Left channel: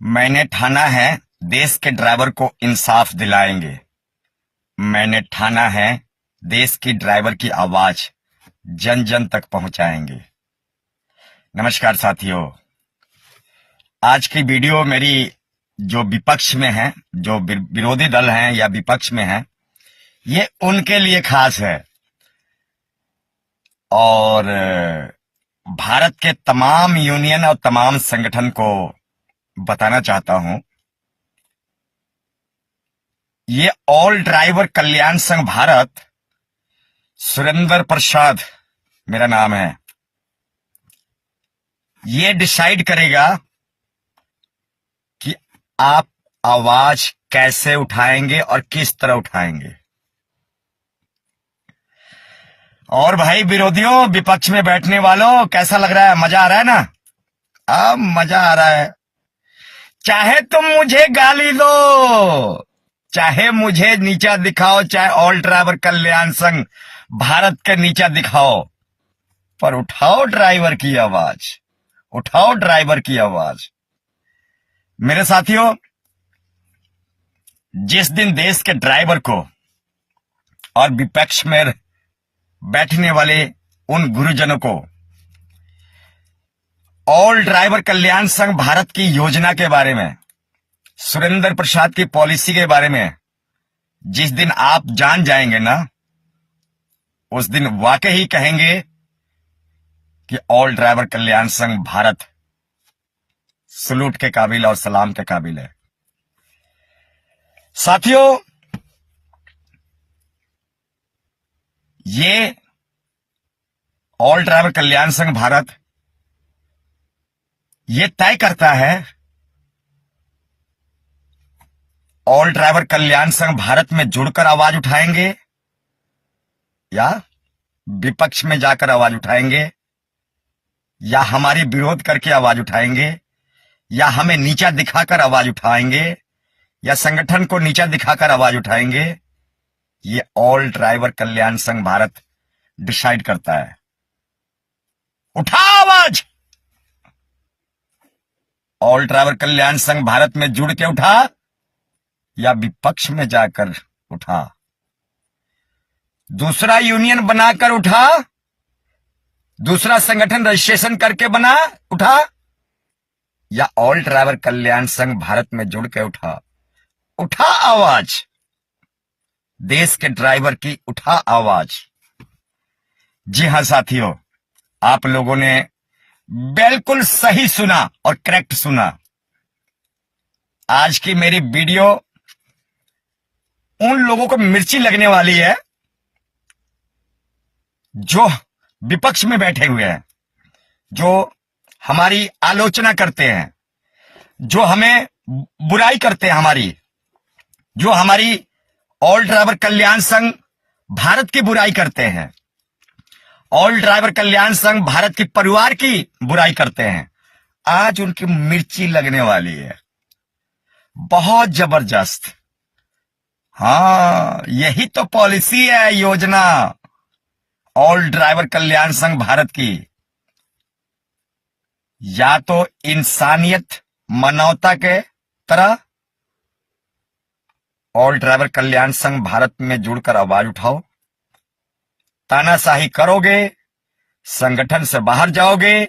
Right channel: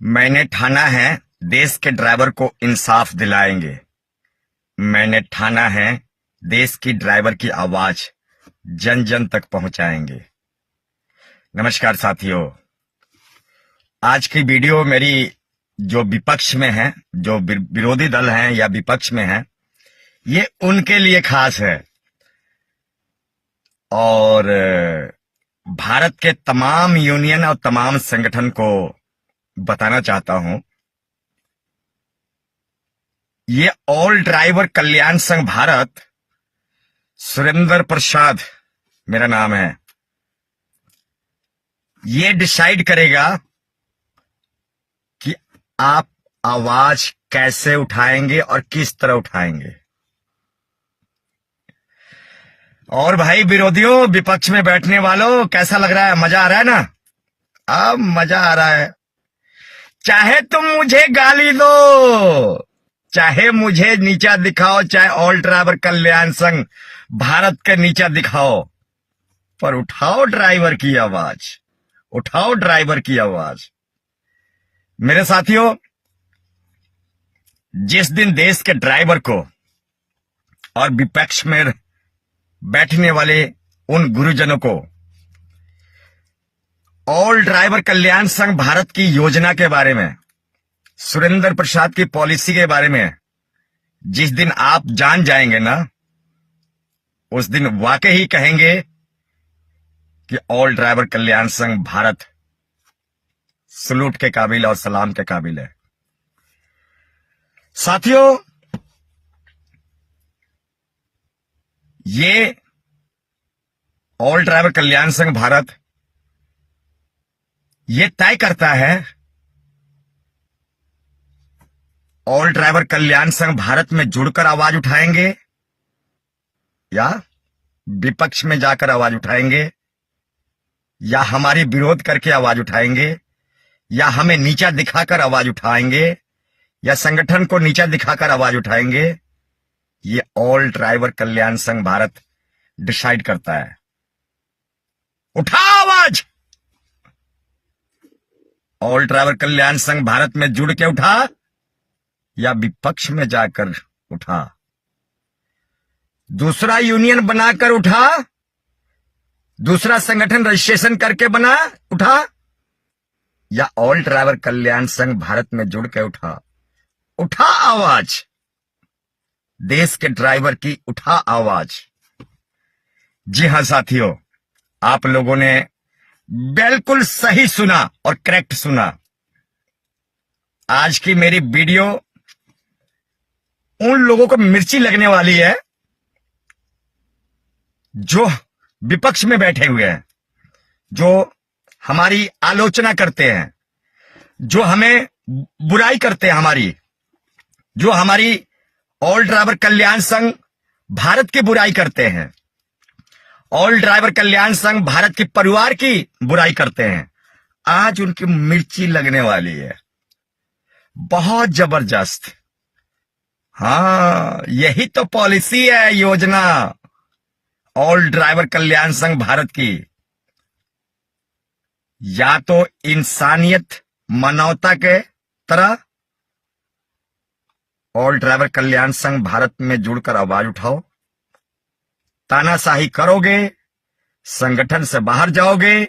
मैंने ठाना है देश के ड्राइवर को इंसाफ दिलाएंगे। मैंने ठाना है देश की ड्राइवर की आवाज जन जन तक पहुंचाएंगे। नमस्कार साथियों, आज की वीडियो मेरी जो विपक्ष में है, जो विरोधी दल हैं या विपक्ष में है, ये उनके लिए खास है और भारत के तमाम यूनियन और तमाम संगठन को बताना चाहता हूं। ये ऑल ड्राइवर कल्याण संघ भारत, सुरेंद्र प्रसाद मेरा नाम है, ये डिसाइड करेगा कि आप आवाज कैसे उठाएंगे और किस तरह उठाएंगे। और भाई विरोधियों, विपक्ष में बैठने वालों, कैसा लग रहा है? मजा आ रहा है ना? अब मजा आ रहा है। चाहे तुम मुझे गाली दो, चाहे मुझे नीचा दिखाओ, चाहे ऑल ड्राइवर कल्याण संघ भारत के नीचा दिखाओ, पर उठाओ ड्राइवर की आवाज, उठाओ ड्राइवर की आवाज। मेरे साथियों, जिस दिन देश के ड्राइवर को और विपक्ष में बैठने वाले उन गुरुजनों को ऑल ड्राइवर कल्याण संघ भारत की योजना के बारे में, सुरेंद्र प्रसाद की पॉलिसी के बारे में जिस दिन आप जान जाएंगे ना, उस दिन वाकई ही कहेंगे कि ऑल ड्राइवर कल्याण संघ भारत सलूट के काबिल और सलाम के काबिल है। साथियों, ये ऑल ड्राइवर कल्याण संघ भारत ये तय करता है ऑल ड्राइवर कल्याण संघ भारत में जुड़कर आवाज उठाएंगे या विपक्ष में जाकर आवाज उठाएंगे, या हमारी विरोध करके आवाज उठाएंगे, या हमें नीचा दिखाकर आवाज उठाएंगे, या संगठन को नीचा दिखाकर आवाज उठाएंगे। ये ऑल ड्राइवर कल्याण संघ भारत डिसाइड करता है। उठा आवाज, ऑल ड्राइवर कल्याण संघ भारत में जुड़ के उठा या विपक्ष में जाकर उठा, दूसरा यूनियन बनाकर उठा, दूसरा संगठन रजिस्ट्रेशन करके बना उठा, या ऑल ड्राइवर कल्याण संघ भारत में जुड़ के उठा। उठा आवाज, देश के ड्राइवर की उठा आवाज। जी हां साथियों, आप लोगों ने बिल्कुल सही सुना और करेक्ट सुना। आज की मेरी वीडियो उन लोगों को मिर्ची लगने वाली है जो विपक्ष में बैठे हुए हैं, जो हमारी आलोचना करते हैं, जो हमें बुराई करते हैं हमारी, जो हमारी ऑल ड्राइवर कल्याण संघ भारत की बुराई करते हैं, ऑल ड्राइवर कल्याण संघ भारत के परिवार की बुराई करते हैं। आज उनकी मिर्ची लगने वाली है, बहुत जबरदस्त। हाँ, यही तो पॉलिसी है, योजना ऑल ड्राइवर कल्याण संघ भारत की। या तो इंसानियत, मानवता के तरह ऑल ड्राइवर कल्याण संघ भारत में जुड़कर आवाज उठाओ, तानाशाही करोगे, संगठन से बाहर जाओगे,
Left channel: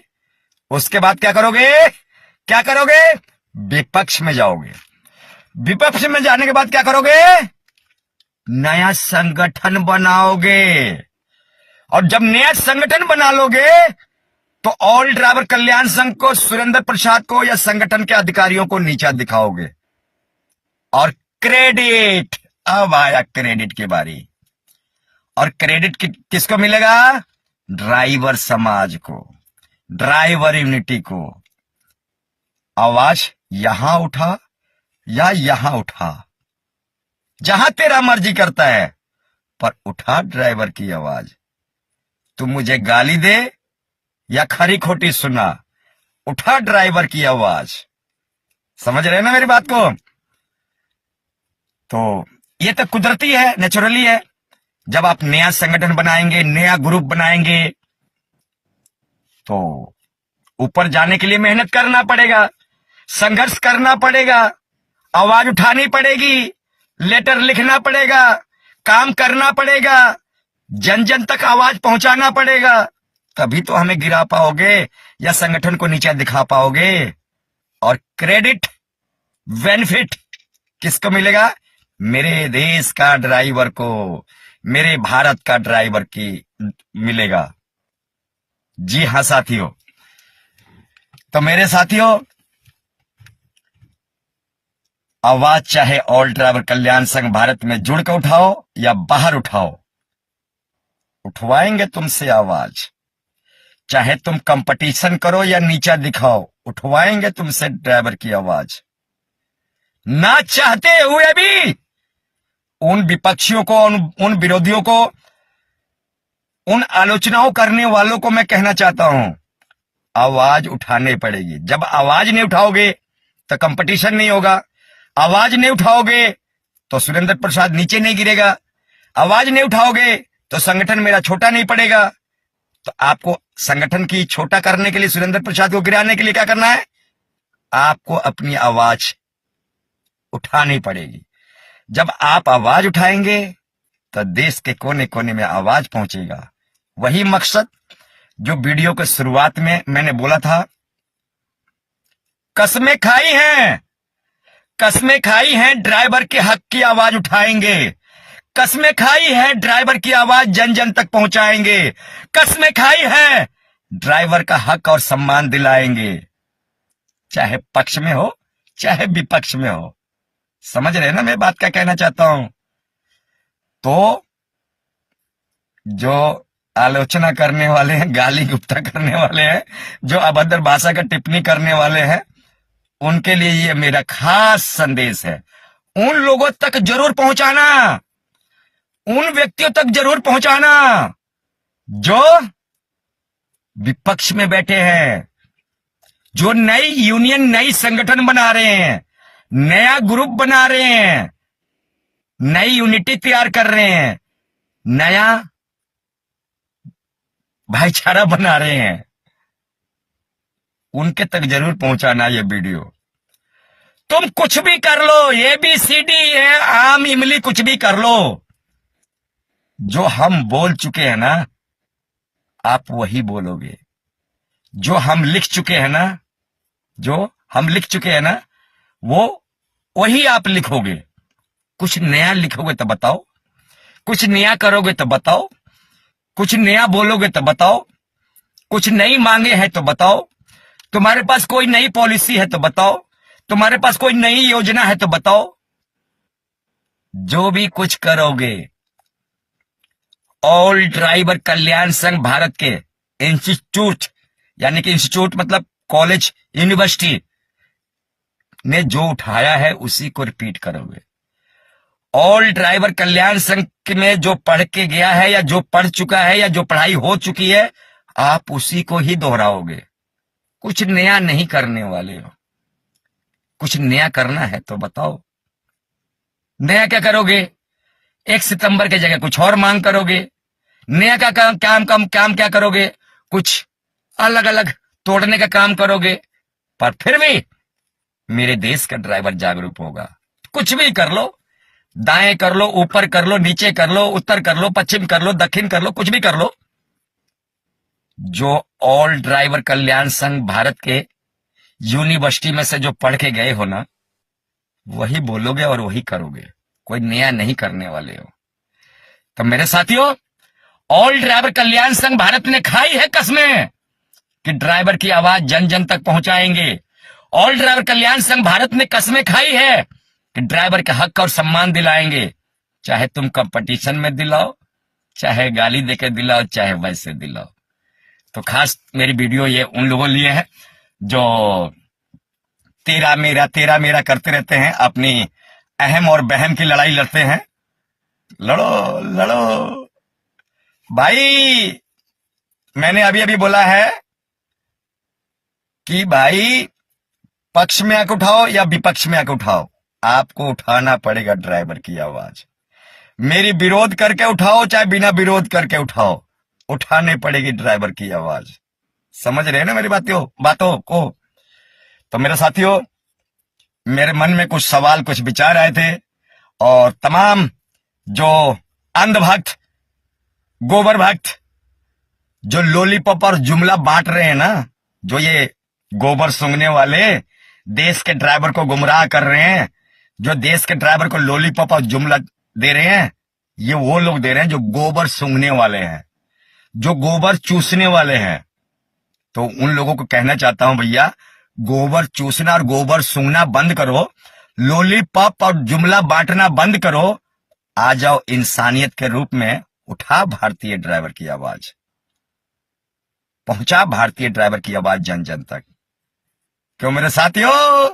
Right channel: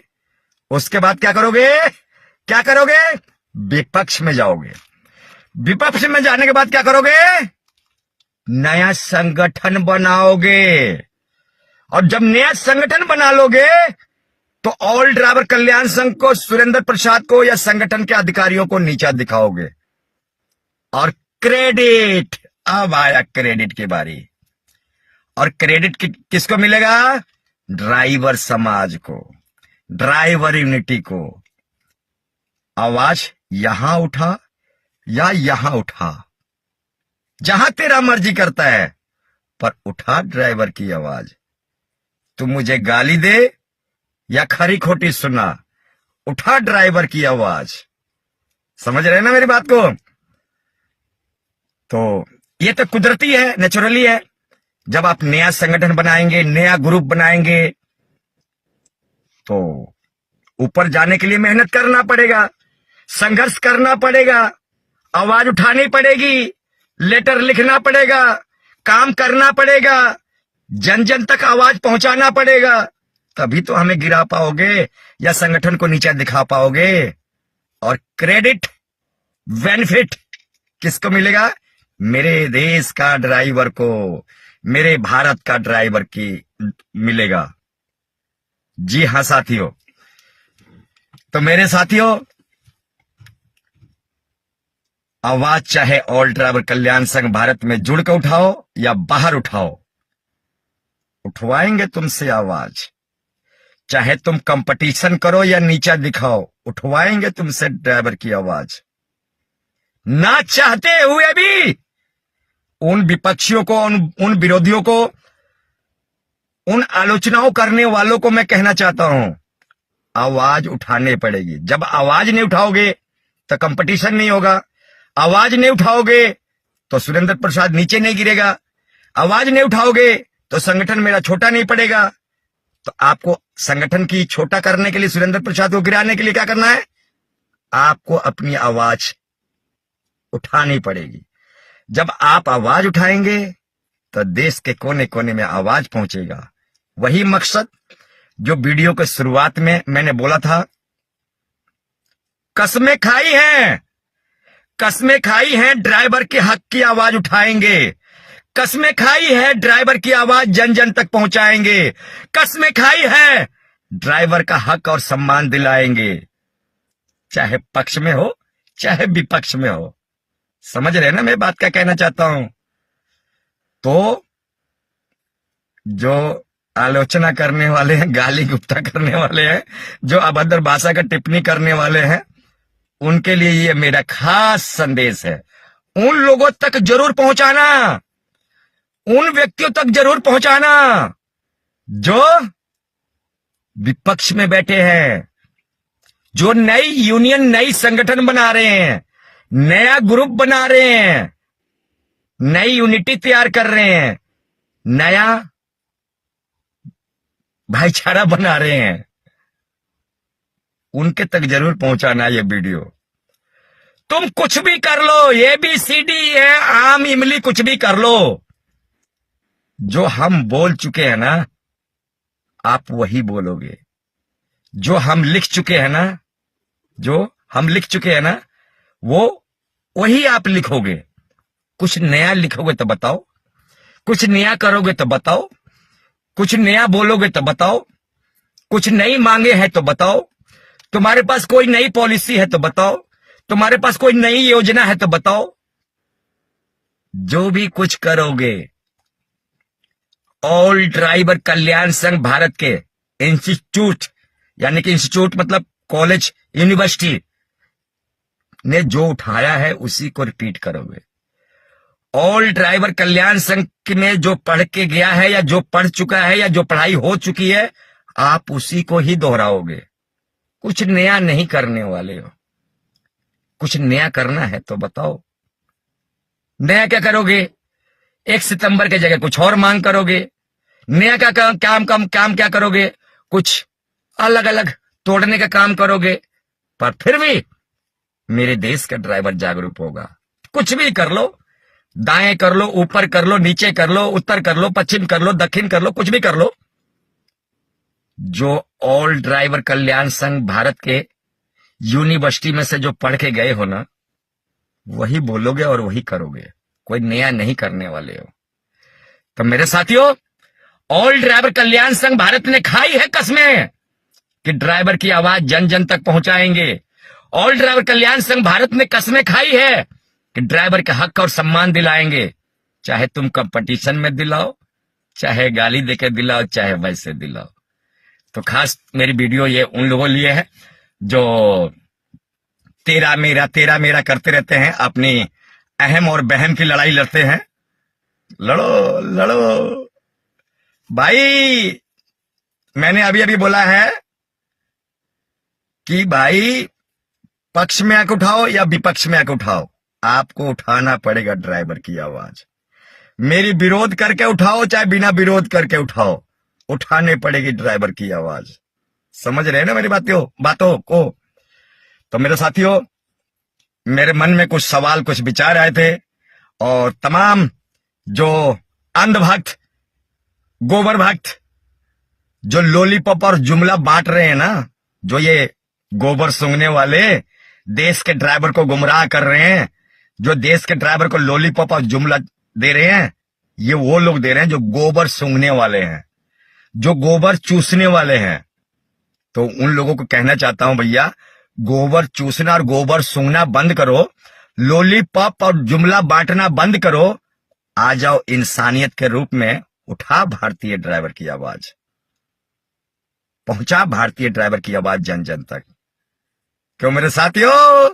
उसके बाद क्या करोगे? क्या करोगे? विपक्ष में जाओगे। विपक्ष में जाने के बाद क्या करोगे? नया संगठन बनाओगे। और जब नया संगठन बना लोगे तो ऑल ड्राइवर कल्याण संघ को, सुरेंद्र प्रसाद को या संगठन के अधिकारियों को नीचा दिखाओगे। और क्रेडिट, अब आया क्रेडिट की बारी। और क्रेडिट किसको मिलेगा? ड्राइवर समाज को, ड्राइवर यूनिटी को। आवाज यहां उठा या यहां उठा, जहां तेरा मर्जी करता है, पर उठा ड्राइवर की आवाज। तू मुझे गाली दे या खरी खोटी सुना, उठा ड्राइवर की आवाज। समझ रहे हैं ना मेरी बात को? तो ये तो कुदरती है, नेचुरली है। जब आप नया संगठन बनाएंगे, नया ग्रुप बनाएंगे, तो ऊपर जाने के लिए मेहनत करना पड़ेगा। संघर्ष करना पड़ेगा, आवाज उठानी पड़ेगी, लेटर लिखना पड़ेगा, काम करना पड़ेगा, जन जन तक आवाज पहुंचाना पड़ेगा, तभी तो हमें गिरा पाओगे या संगठन को नीचा दिखा पाओगे। और क्रेडिट, बेनिफिट किसको मिलेगा? मेरे देश का ड्राइवर को, मेरे भारत का ड्राइवर की मिलेगा। जी हां साथियों, तो मेरे साथियों, आवाज चाहे ऑल ड्राइवर कल्याण संघ भारत में जुड़ के उठाओ या बाहर उठाओ, उठवाएंगे तुमसे आवाज। चाहे तुम कंपटीशन करो या नीचा दिखाओ, उठवाएंगे तुमसे ड्राइवर की आवाज। ना चाहते हुए भी उन विपक्षियों को, उन विरोधियों को, उन आलोचनाओं करने वालों को मैं कहना चाहता हूं, आवाज उठाने पड़ेगी। जब आवाज नहीं उठाओगे तो कंपटीशन नहीं होगा, आवाज नहीं उठाओगे तो सुरेंद्र प्रसाद नीचे नहीं गिरेगा, आवाज नहीं उठाओगे तो संगठन मेरा छोटा नहीं पड़ेगा। तो आपको संगठन की छोटा करने के लिए, सुरेंद्र प्रसाद को गिराने के लिए क्या करना है? आपको अपनी आवाज उठानी पड़ेगी। जब आप आवाज उठाएंगे तो देश के कोने कोने में आवाज पहुंचेगा। वही मकसद जो वीडियो के शुरुआत में मैंने बोला था, कसमें खाई हैं, कसमें खाई हैं, ड्राइवर के हक की आवाज उठाएंगे, कसमें खाई है, ड्राइवर की आवाज जन जन तक पहुंचाएंगे, कसमें खाई है, ड्राइवर का हक और सम्मान दिलाएंगे, चाहे पक्ष में हो चाहे विपक्ष में हो। समझ रहे हैं ना मैं बात क्या कहना चाहता हूं? तो जो आलोचना करने वाले हैं, गाली गुप्ता करने वाले हैं, जो अभद्र भाषा का टिप्पणी करने वाले हैं, उनके लिए ये मेरा खास संदेश है। उन लोगों तक जरूर पहुंचाना, उन व्यक्तियों तक जरूर पहुंचाना जो विपक्ष में बैठे हैं, जो नई यूनियन, नई संगठन बना रहे हैं, नया ग्रुप बना रहे हैं, नई यूनिटी तैयार कर रहे हैं, नया भाईचारा बना रहे हैं, उनके तक जरूर पहुंचाना ये वीडियो। तुम कुछ भी कर लो, ABCD है, आम इमली कुछ भी कर लो, जो हम बोल चुके हैं ना, आप वही बोलोगे। जो हम लिख चुके हैं ना, जो हम लिख चुके हैं ना, वो वही आप लिखोगे। कुछ नया लिखोगे तो बताओ, कुछ नया करोगे तो बताओ, कुछ नया बोलोगे तो बताओ, कुछ नई मांगे हैं तो बताओ, तुम्हारे पास कोई नई पॉलिसी है तो बताओ, तुम्हारे पास कोई नई योजना है तो बताओ। जो भी कुछ करोगे, ऑल ड्राइवर कल्याण संघ भारत के इंस्टीट्यूट, यानी कि इंस्टीट्यूट मतलब कॉलेज, यूनिवर्सिटी ने जो उठाया है उसी को रिपीट करोगे। ऑल ड्राइवर कल्याण संघ में जो पढ़ के गया है या जो पढ़ चुका है या जो पढ़ाई हो चुकी है, आप उसी को ही दोहराओगे। कुछ नया नहीं करने वाले हो। कुछ नया करना है तो बताओ, नया क्या करोगे? 1 सितंबर की जगह कुछ और मांग करोगे। नया का काम क्या करोगे? कुछ अलग अलग तोड़ने का काम करोगे। पर फिर भी मेरे देश का ड्राइवर जागरूक होगा। कुछ भी कर लो, दाएं कर लो, ऊपर कर लो, नीचे कर लो, उत्तर कर लो, पश्चिम कर लो, दक्षिण कर लो, कुछ भी कर लो। जो ऑल ड्राइवर कल्याण संघ भारत के यूनिवर्सिटी में से जो पढ़ के गए हो ना, वही बोलोगे और वही करोगे। कोई नया नहीं करने वाले हो। तो मेरे साथियों, ऑल ड्राइवर कल्याण संघ भारत ने खाई है कसमें कि ड्राइवर की आवाज जन जन तक पहुंचाएंगे। ऑल ड्राइवर कल्याण संघ भारत ने कसमें खाई है कि ड्राइवर के हक और सम्मान दिलाएंगे। चाहे तुम कंपटीशन में दिलाओ, चाहे गाली देके दिलाओ, चाहे वैसे दिलाओ। तो खास मेरी वीडियो ये उन लोगों लिए है जो तेरा मेरा करते रहते हैं, अपनी अहम और बहम की लड़ाई लड़ते हैं। लड़ो लड़ो भाई। मैंने अभी अभी बोला है कि भाई पक्ष में आके उठाओ या विपक्ष में आके उठाओ, आपको उठाना पड़ेगा ड्राइवर की आवाज। मेरी विरोध करके उठाओ चाहे बिना विरोध करके उठाओ, उठाने पड़ेगी ड्राइवर की आवाज। समझ रहे हैं ना मेरी बातों को? तो मेरे साथियों, मेरे मन में कुछ सवाल, कुछ विचार आए थे, और तमाम जो अंधभक्त, गोबर भक्त, जो लॉलीपॉप और जुमला बांट रहे हैं ना, जो ये गोबर सूंघने वाले देश के ड्राइवर को गुमराह कर रहे हैं, जो देश के ड्राइवर को लॉलीपॉप और जुमला दे रहे हैं, ये वो लोग दे रहे हैं जो गोबर सूंघने वाले हैं, जो गोबर चूसने वाले हैं। तो उन लोगों को कहना चाहता हूं, भैया गोबर चूसना और गोबर सूंघना बंद करो, लॉलीपॉप और जुमला बांटना बंद करो, आ जाओ इंसानियत के रूप में, उठा भारतीय ड्राइवर की आवाज, पहुंचा भारतीय ड्राइवर की आवाज जन जन तक। क्यों मेरे साथियों?